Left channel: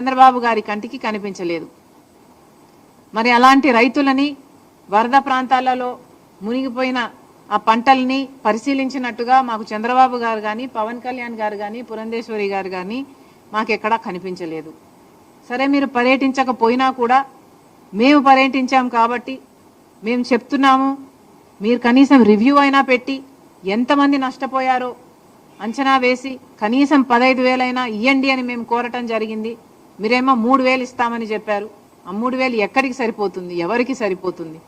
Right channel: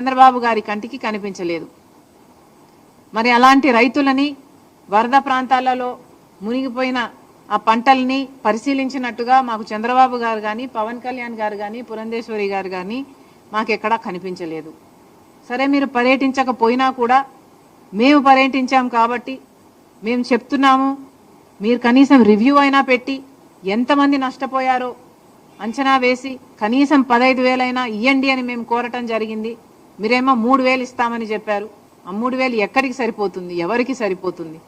చంద్రబాబు గారి కంటికి కనిపించలేదు. మరి అలాంటి రైతులని వరద ప్రాంతాలలో మునిగిపోయిన ఆ పంటల్ని పరిశీలించినట్టుగా మాకు చంద్రబాబు గారు కానీ, పవన్ కళ్యాణ్ గారు కానీ, పురంధేశ్వరి గారు కానీ మాకెక్కడా కనిపించలేదు. సరే, మీరు పర్యటించకపోయినా కూడా మేము పర్యటించాం కాబట్టి మేము చెప్తున్నాము, మీరు కనీసం రివ్యూ అయినా పెట్టి ఎంతమంది నష్టపోయారో అంచనా వేసి కనీసం 15,000 అయినా ఇవ్వండి అని మేము కోరటం జరిగింది. మీరేమో 3,000 ఇస్తామని చెప్పారు. ఆ 3,000 ఎక్కడికి సరిపోతుంది, ఎవరికి సరిపోతుంది?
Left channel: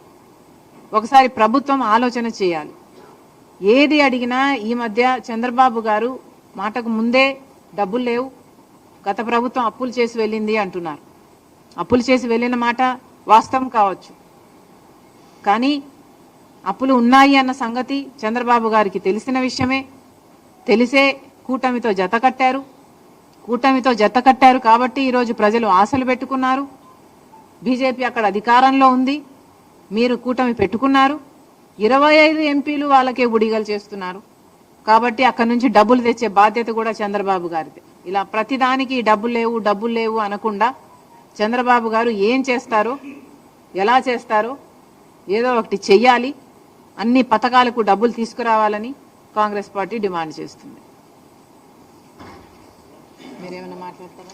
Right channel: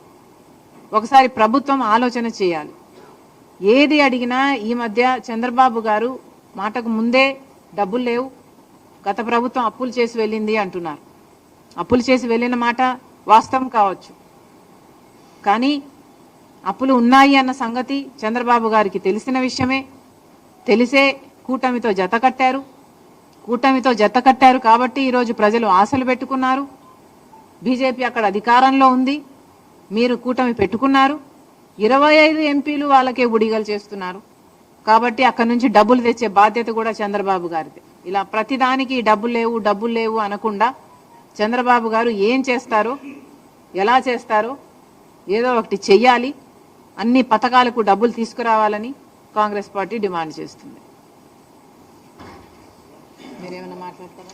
ఒకసారి ప్రభుత్వం ఆలోచన చేయాలి. ఏది అడిగినా ఈ మధ్య చంద్రబాబు గారు మాటకు ముందే డబ్బులు లేవు, గత ప్రభుత్వం అప్పులు చేసి వెళ్ళింది అంటున్నారు. అప్పులు చేసి వెళ్ళిన మాట వాస్తవం కావచ్చు, కానీ అప్పులు ఉన్నాయి అన్న సంగతి చంద్రబాబు గారికి తెలిసిన విషయమే. తెలిసే కూటమితో జత కట్టారు కాబట్టి ఈరోజు ప్రజలు ఆశలు పెట్టుకున్నారు. బీజేపీ అక్కడ అధికారంలో ఉంది, మీరు కూటమి పెట్టుకున్నారు. 25 ఎంపీలు వాళ్ళకే బుడిగలు చేస్తున్నారు. కాబట్టి అక్కడ నుంచి డబ్బులు తెచ్చే బాధ్యత కూడా చంద్రబాబు గారిదే. ఇలా ప్రతిదానికి డబ్బులు లేవు అనకుండా చంద్రబాబు గారు ఏం చేస్తారో, ఎలా చేస్తారో ఏదో ఒకటి చెయ్యాలి. అన్ని పథకాలకు డబ్బులు తీసుకురావాలని కాంగ్రెస్ పార్టీ డిమాండ్ చేస్తుంది. మీరేమైనా మాట్లాడతారా?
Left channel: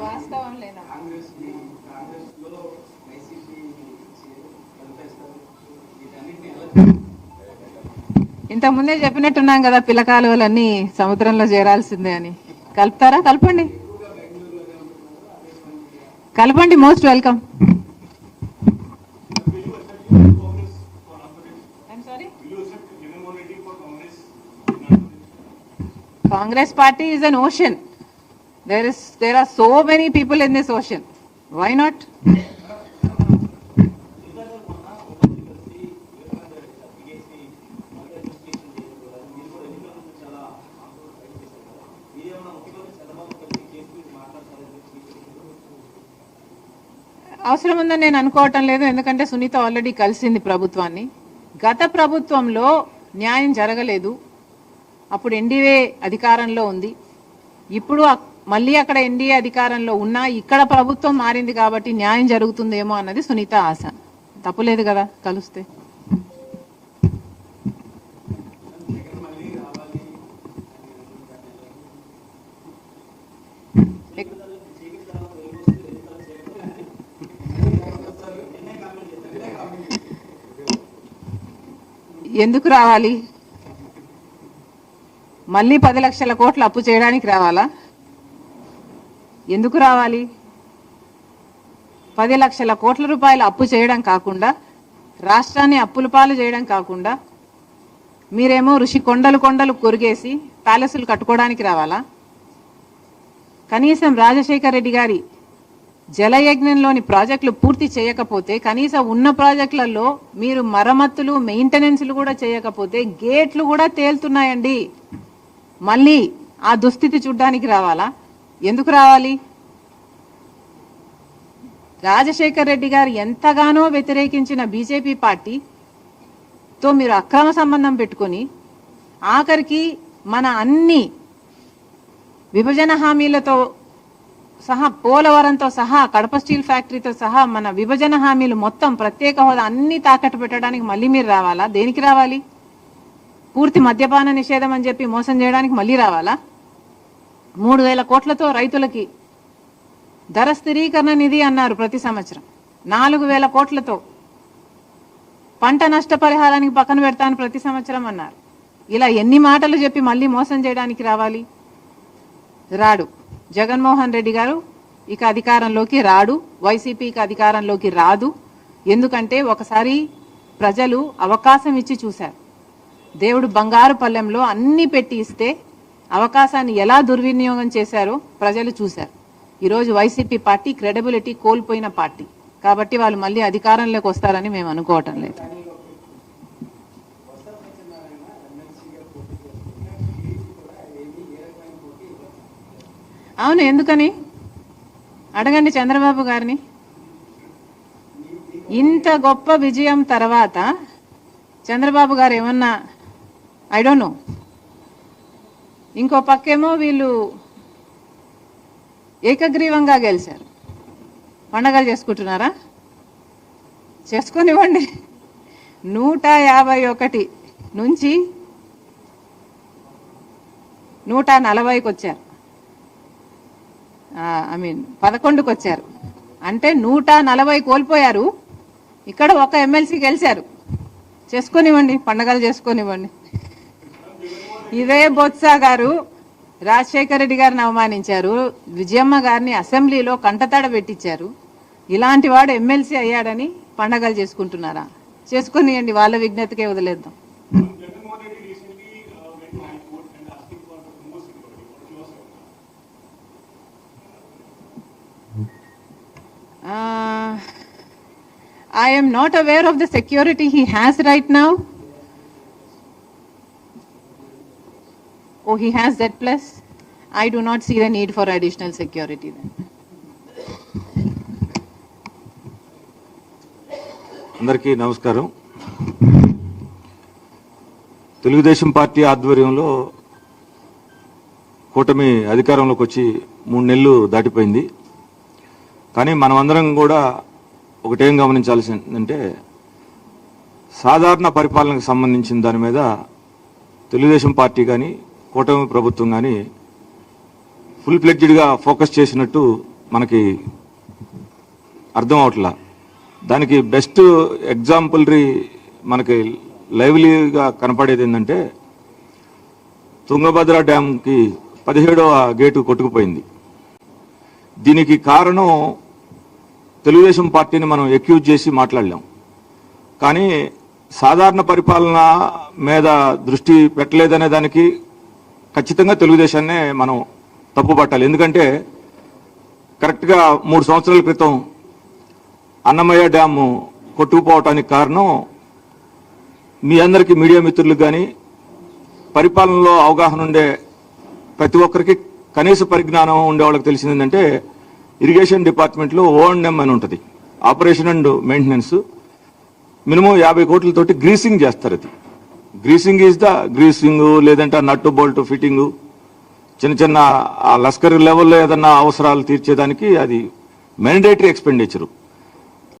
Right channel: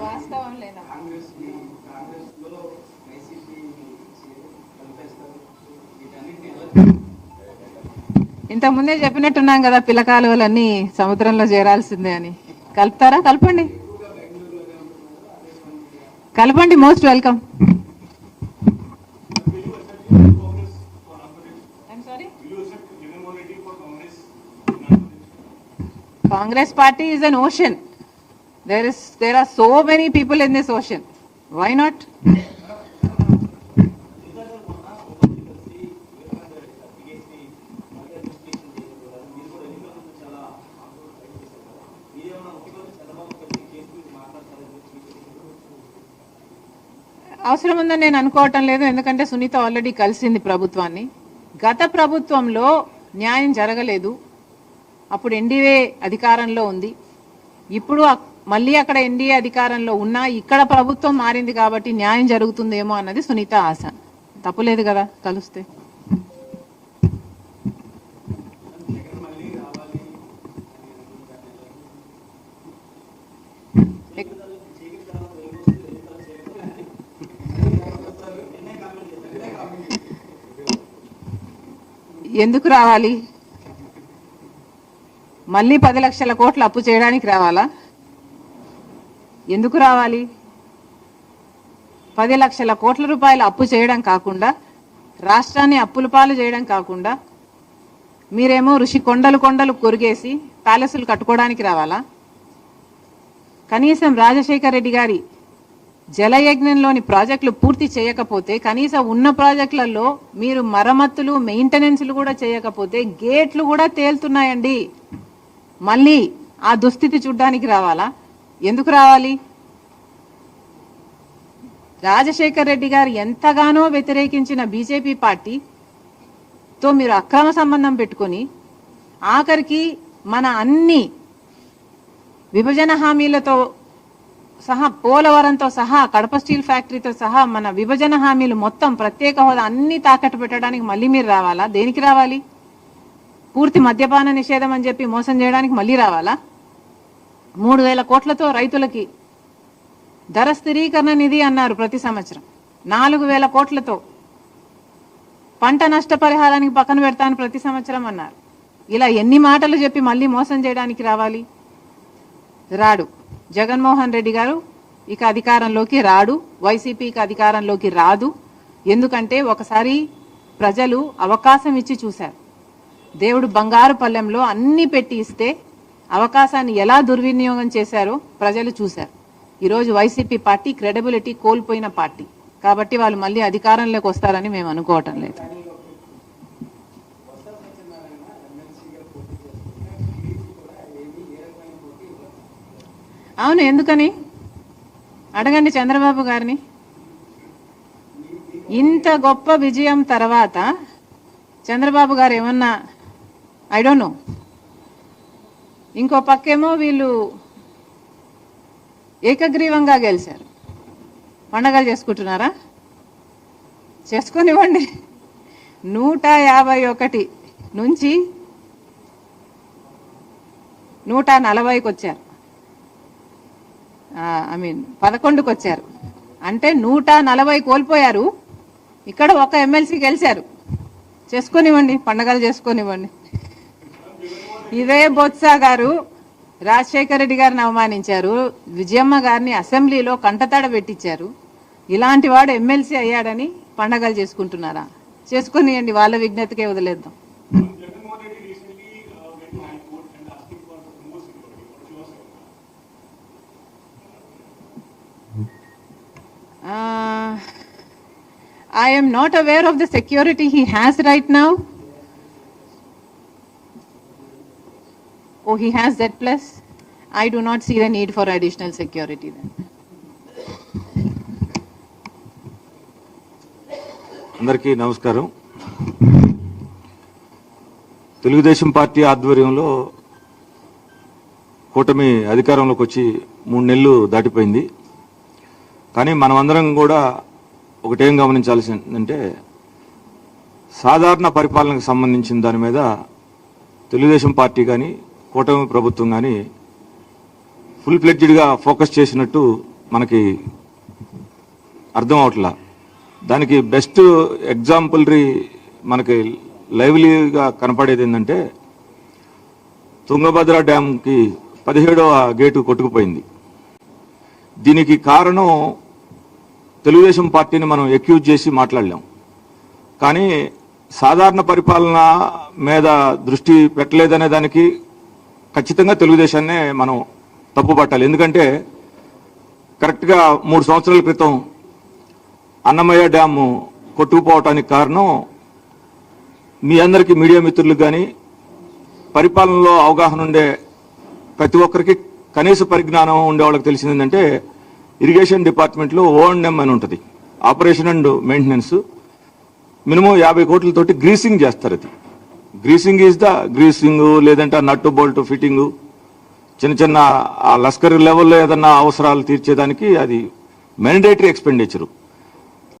వాస్తవం లేదా? ఇంతకుముందే చెప్పినట్టున్నాం కదా, పిల్లకాలువలన్నీ సముద్రంలో చేరాల్సిందే అని. కలుపుతారా? కలపండి. Most welcome. Congress party is an ocean. There are so many people in this ocean. Why not? అవసరం ఉందని నేను అనుకోవటం లేదు. ఎందుకంటే సునీత ఆల్రెడీ కలిసింది ప్రభుత్వాన్ని. గత ప్రభుత్వంలో న్యాయం జరగలేదు, అప్పుడు ఎన్డీఏ అధికారంలో ఉంది. ఇప్పుడు మళ్ళీ అక్కడ ఎన్డీఏ అధికారంలో ఉన్నా ఇక్కడ ప్రభుత్వం మారింది కాబట్టి న్యాయం జరుగుతుందేమో అన్నది సునీత ఆశ. తప్పులేదు కదా కలిస్తే. ఎందుకు రావాలి? మళ్ళీ 10 లక్షల కోట్లు అప్పు చేయడానికి రావాలా? ఎందుకు రావాలి? 10 లక్షల కోట్ల రూపాయలు అప్పు చేయడం కాకుండా, రాష్ట్రాన్ని అప్పుల పాలు చేయడం కాకుండా, మీరేమో ఋషి కొండలు కొరిగేసి ప్యాలెస్లు కట్టుకోవడానికి రావాలా? కనీసం రాజశేఖర్ రెడ్డి గారి జలయజ్ఞంలోని ప్రాజెక్టులు పూర్తి చేయకపోతే, కనీసం ఉన్న ప్రాజెక్టులలో మీరు మరమ్మతులు మెయింటెనెన్స్లు కూడా చేయకపోతే గేట్లు కూడా తేలుతున్నాయండి. మళ్ళీ ఆ దుస్థితి చూడ్డానికి రావాలా? ఎందుకు రావాలి? రాజశేఖర్ రెడ్డి గారు ఎంతగానో వ్యతిరేకించిన బీజేపీ పార్టీతో మీరు అక్రమ సంబంధం పెట్టుకుని ఆఖరికి మన అన్ని విభజన హామీలతో సహా, పోలవరంతో సహా, కడప స్టీల్ ఫ్యాక్టరీతో సహా మన విభజన హామీలు మొత్తం, ప్రత్యేక హోదా అన్ని తాకట్టు పెట్టడానికి మళ్ళీ మీరు రావాలా? దేనికి రావాలి? పూర్తి మద్యపాన నిషేధం అని చెప్పి మోసం చేయడానికి మళ్ళీ రావాలా? 3,000 కోట్లతో రైతులకి ధర స్థిరీకరణ నిధి అన్నారు ప్రతి సంవత్సరం. 4,000 కోట్లతో పంట నష్టపరిహారానికి పక్కన పెడతాను ప్రతి సంవత్సరం అన్నారు. ఇలా ఎన్ని మాటలు చెప్పి మళ్ళీ మోసం చేయడానికి రావాలి? రాడు. జగన్మోహన్ రెడ్డి గారు ఇక అధికారంలోకి రాడు, వైసీపీకి అధికారంలోకి రాదు. ఎందుకంటే ఒకసారి ప్రజలు అవకాశం ఇచ్చి చూశారు. దేవుడు బంగారు పల్లెంలో అన్ని పెట్టి ఇస్తే అవకాశాన్ని ఎలా దుర్వినియోగం చేశారో ప్రజలు చూశారు. ఈరోజు వైసీపీ పార్టీ క్రెడిబిలిటీ కోల్పోయిన పార్టీ కాబట్టి వాళ్ళు మళ్ళీ అధికారంలోకి వస్తారని మేము అనుకోవటం లేదు. అవును, ఎందుకని అడగండి చంద్రబాబు గారిని. ఇంత గొప్ప విజయం తర్వాత చంద్రబాబు గారు ఏమన్నా ఐ డోంట్ నో, ఇంకో పక్కేమో వీళ్ళు ఏకగ్రీవంగా గెలిచారు, పండగలు చేసుకుంటున్నారా? చేసుకొనివ్వండి. 151 నుంచి 140కి వచ్చారు, 11కి వచ్చారు. అంటే 140 కోల్పోయారు, ఇక్కడ ఒక ఎమ్మెల్సీ గెలిచారు. చేసుకొనివ్వండి, పండగలు చేసుకొనివ్వండి. ఇదే బొత్స గారు రాజశేఖర రెడ్డి గారిని అవమానించారు, విజయమ్మ గారిని అసెంబ్లీలో కంటతడ పెట్టించారు. ఇలాంటి వాడు ఎమ్మెల్సీ అయ్యాడని పండగలు చేసుకుంటున్నారా? చేసుకొనియండి, వాళ్ళ విజ్ఞతకే వదిలేద్దాం. I am not aware of the security he has right now. Oh, he has that plus. I do not see the need for additional security then. అందరికీ నమస్కారం. తెలుగుదేశం పార్టీ ఆధ్వర్యంలో కూటమి అధికారంలోకి వచ్చి 3 నెలలు దాటిపోయింది. కానీ మనమందరం కూడా ఒకటేం గమనించాల్సిందంటే, సాధారణ పరిపాలనకు సంబంధించిన దాని మీద తెలుగుదేశం పార్టీ కానీ కూటమి ప్రభుత్వం కానీ ఫుల్ ఫ్లెడ్జ్డ్గా ఫోకస్ చేసినట్టు మనకి అర్థం అవట్లా. దానికి బెస్ట్ ఎగ్జాంపులరీ మనకి లైవ్లీగా కనపడేది ఏంటంటే, తుంగభద్ర డ్యాంకి 17వ గేటు కొట్టుకుపోయింది. దీనికి కారణం తెలుగుదేశం పార్టీని మనం ఎక్యూజ్ చేసి మాట్లాడలేం, కానీ సాధారణ పరిపాలన మీద దృష్టి పెట్టలేదనే దానికి ఖచ్చితంగా తెలుగుదేశాన్నే మనం తప్పుపట్టాలి. ఎందుకంటే కరెక్ట్గా 3 సంవత్సరాల క్రితం అన్నమయ్య డ్యాము కొట్టుకుపోవటానికి కారణం మీ అందరికీ, మీడియా మిత్రులకు కానీ పరిపాలనలో అవగాహన ఉండే ప్రతి ఒక్కరికి కనీస పరిజ్ఞానం ఉండే వాళ్ళకి తెలిసింది ఏంటంటే, ఇరిగేషన్ డిపార్ట్మెంట్లో O&M అని ఉంటుంది, ఆపరేషన్ అండ్ మెయింటెనెన్స్. మినిమం 50 కోట్లతోటి గ్రీసింగ్ చేస్తారు. అది గ్రీసింగ్ ఈజ్ ద గ్రీసింగ్, లేదంటే నట్టు బోల్ట్ ఫిట్టింగ్, చిన్న చిన్న లస్కర్ లెవెల్లో ఏదన్నా అవసరాలు తీర్చేదానికి అది మ్యాండేటరీ ఎక్స్పెండిచరు.